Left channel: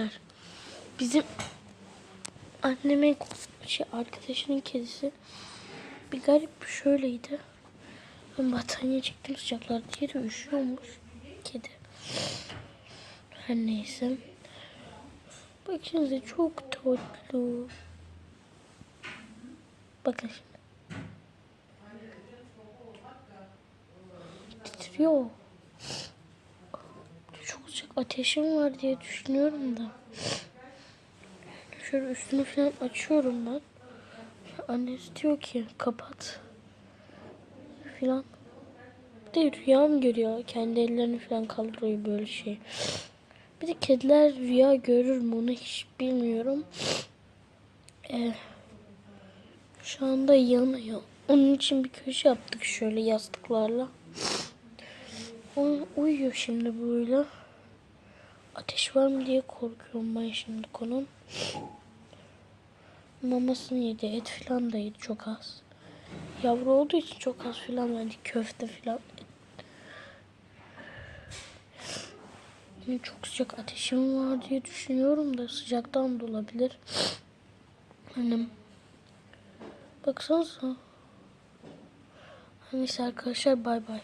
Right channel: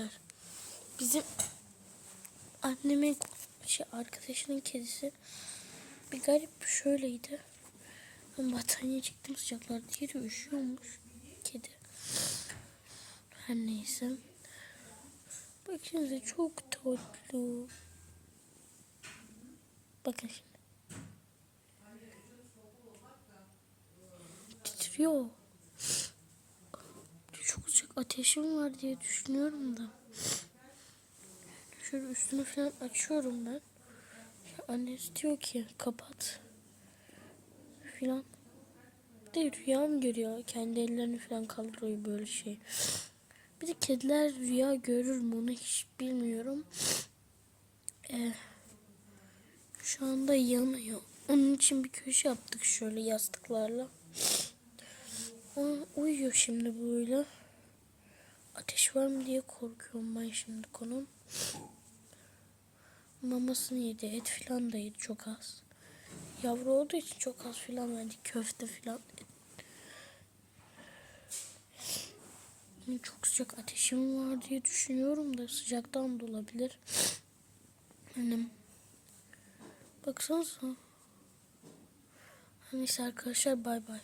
arkadaşlar. Bizim annemin şey arkadaşının kedisi bir garip şöyleydi. Ben battaniye çektim sıcaklar diye de üşüyormuş kedi. Her neyse. Bakın çok tatlı. Bakın şimdi. Titriyor. Ateşim var diye düşünüyorum da. Şöyle üstünü falan açıyorum ben. Annesi diyor ki kapat. Filan. Bir de rüyam görüyor. Kendi ellerini falan kaldırıyor böyle şey. Bir de kediler rüya görür mü onu hiç bilmiyorum. Ee, şu anda yanıyor. Onun için bir köşe yaptık şöyle yastıklarla. O uyuyor şimdi böyle. Ateş var mı diye korkuyorum ben şimdi konum. Mamasını yedi, et falan da yedi çok az. Yavru olduğu için çok az falan verdi, köfte. Benim çok sıcak ateşim var diye düşünüyorum da sıcaktan da olabilir. Annem. Baksanıza. Neyse arkadaşlar bay bay.